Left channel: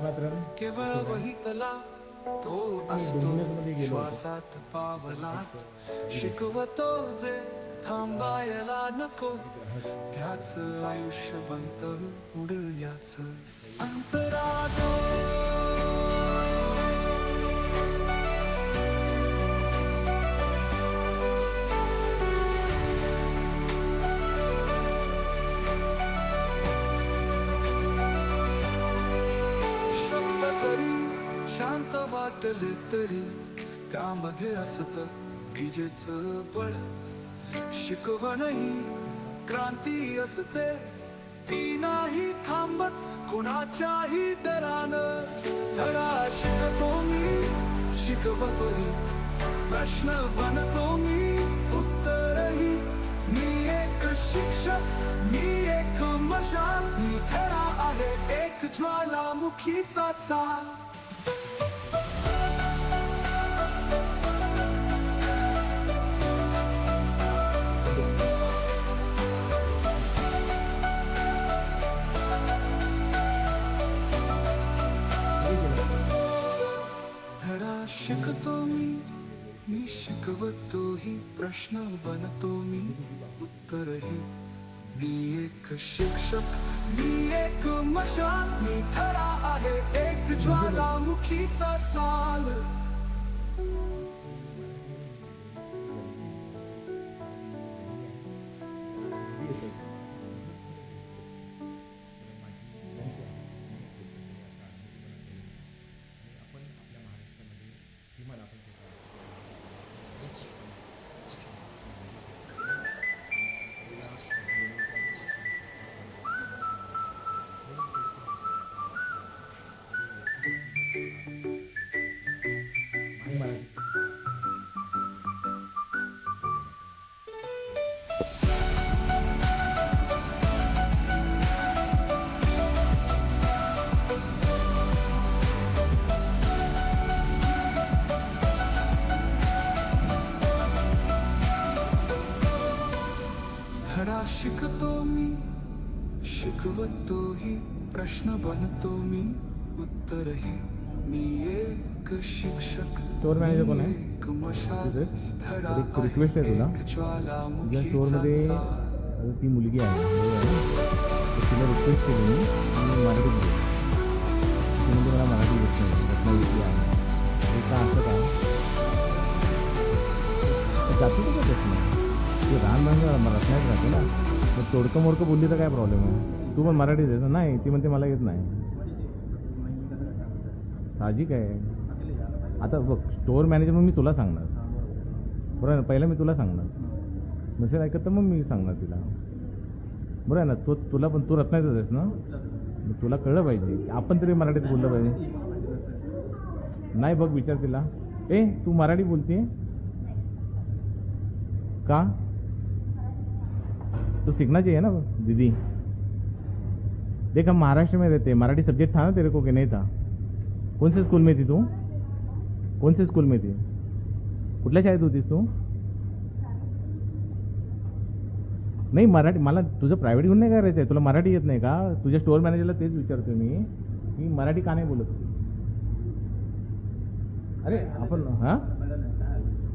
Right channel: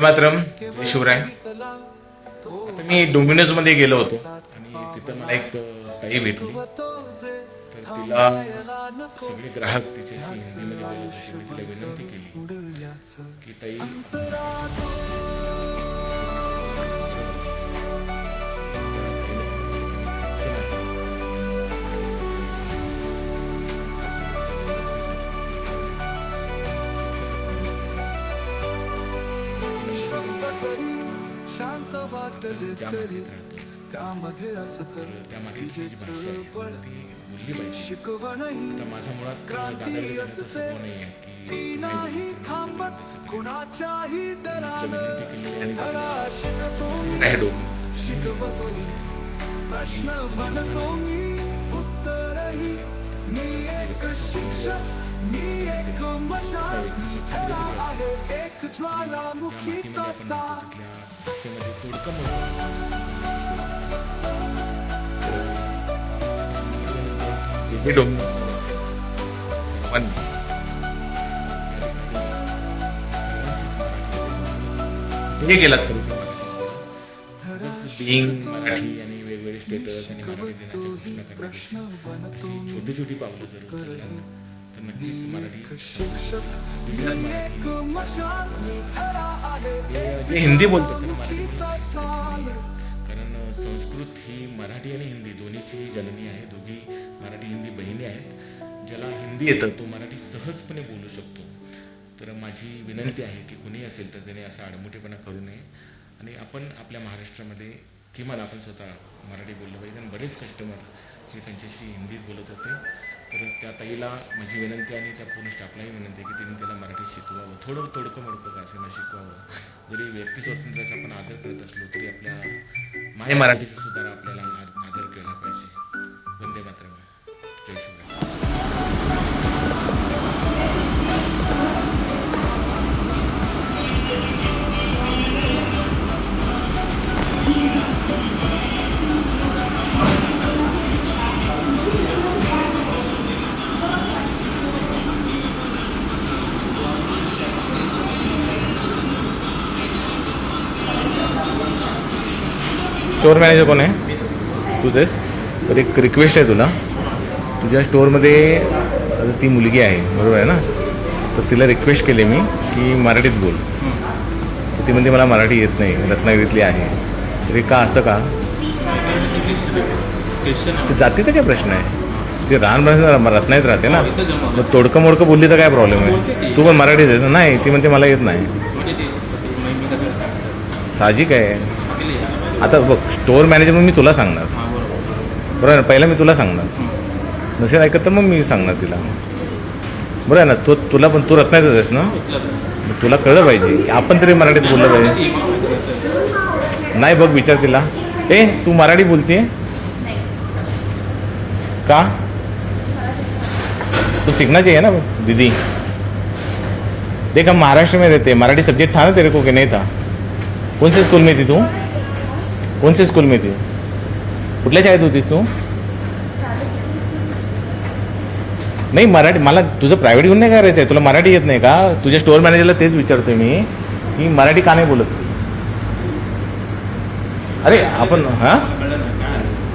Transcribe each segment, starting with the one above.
मातरम शिवराय मी डोमिनोजमध्ये गेलो होतो. आणि एक ताई भेटली. ग्राहक आयुष्य शांत वाटले तरी त्यामध्ये असत विजेच बळ. शिकवणही क्रांती असते. ती नाही थांबत कुणाच्याही दरान. धडा शिकतो मी शिकवतोही. प्रश्न बनतो मी उत्तरही. मी एक शिक्षक मी एक मशाल. मी धडा आहे एक ज्वालामुखीचा चाल. पण हे गेलात तुम्ही बिंग शिकतो मराठी आणि वेगवेगळे मी स्टेटस प्रश्न बनतो एक शिक्षक मी एक मशाल मी आहे एक हिंदी बोलतो. ज्वालामुखीचा चाल कारण संस्कृत ही मराठी आणि हिंदी दोन्हीची जननी आहे हिंदी येतं तो मराठी सहजपणे बोलू शकतो. तर माझी विनंती आहे की कुणी असेल तर त्याने असा आडमुठेपणा करू नये. आणि आपण आपल्या महाराष्ट्रामध्ये किमान आपण स्वतः मराठी बोललं पाहिजे. आणि बरेच कस्टमर हे त्यांच्याशी हिंदीत बोलत होते. तर त्या ताईला माझी विनंती आणि त्या पूर्ण स्टाफलाही विनंती आहे की त्यांनी त्याला मराठी शिकवावं. थोडं तोडकं मोडकं का असेना शिकवावं. जरी व्यक्ती स्वातंत्र्याचा आपण आदर करत असलो तरी आपल्या माय मराठीचा स्टोअर मॅनेजर कोण आहे? तुझेच. तर एक रिक्वेस्ट आहे तुला. तुझ्या स्टोअरमध्ये ती मुलगी आहे बरोबर आहे ना? तर तिला रिक्वेस्ट केली मी की मराठीत बोल. तर ती म्हणते मला मराठी येत नाही रत्नागिरीतली आहे. तरी का असं का? ते जातीचा काय प्रश्न आहे? ती राहणं रत्नागिरीत राहते ना? मग तोडकं मोडकं बोलली तर काय प्रॉब्लेम आहे? तू पण मराठीत येत नाही ती म्हणते मला येत नाही. साहजिक आहे. आता बघ स्टोअर मॅनेजर मग मी तुला सांगणार. बरोबर आहे ना? पहिला मी तुला सांगणार. नसेल ऐकत तर मग मी सांगणार तिला. बरोबर आहे ना? तू तुला पण तू रत्नायचंच आहेस ना? मग तुला कळलं पाहिजे की आपण तरी मराठीत बोललं पाहिजे. नाही बघ विचार तिला. ए तू मराठी बोलतीये? का? तो सीखना चाहिए ना दीदी. देख हम महाराष्ट्र में रहते हैं. मराठी सब्जेक्ट था ना तेरे को कि नहीं था? कौन से स्कूल में थी तू? कौन से स्कूल में थी कुठल्या शाळेत होतीस तू? नाही मराठी मला तुझं प्रायव्हेट घेऊन नाही करायचं आहे तुला मराठी येत नाही का? तुझ्या स्टोअर मॅनेजरला तेच विचारतोय मी. की मराठी का नाही बोलत? अरे आपण हां?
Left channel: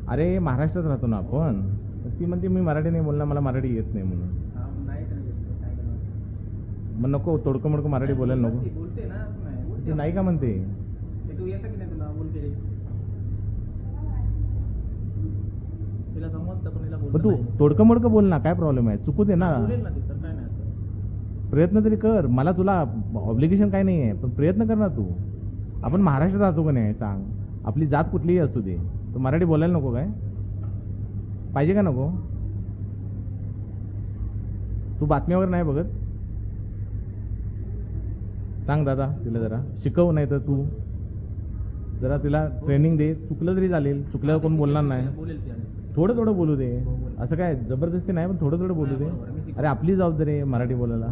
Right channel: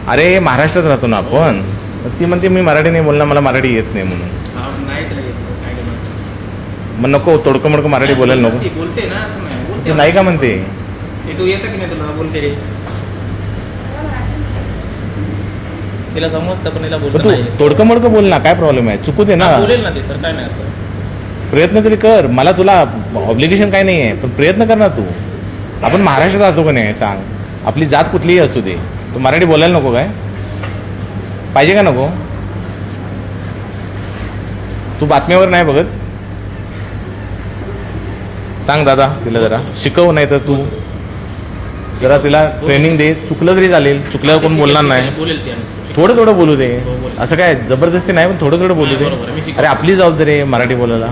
अरे महाराष्ट्रात राहतो ना आपण. ती म्हणते मी मराठी नाही बोलणार मला मराठी येत नाही म्हणून. मग नको तोडकं मोडकं मराठी बोलायला नको. बोलते ना असं नाही. ते बोलते नाही का म्हणते? तू येतं की नाही तुला? बोलते. तिला समजतं पण तिला बोलत तू तोडकं मोडकं बोल ना काय प्रॉब्लेम आहे? चुकू दे ना. बोलेल ना ते सर काय नाही असं प्रयत्न तरी कर. मला तुला ऑब्लिगेशन काय नाही आहे पण प्रयत्न कर ना तू. आपण महाराष्ट्रात राहतो का नाही सांग. आपली जात कुठलीही असू दे. तू मराठी बोलायला नको काय? पाहिजे का नको? तू बातम्यावर नाही बघत? सांग दादा तिला जरा. शिकव नाही तर तू. जरा तिला ट्रेनिंग दे. चुकलं तरी चालेल. चुकल्यावर कोण बोलणार नाही. बोलेल ती थोडं थोडं बोलू दे. असं काय जबरदस्ती नाही पण थोडं थोडं बोलू दे. अरे आपली जबाबदारी आहे मराठी बोलायला.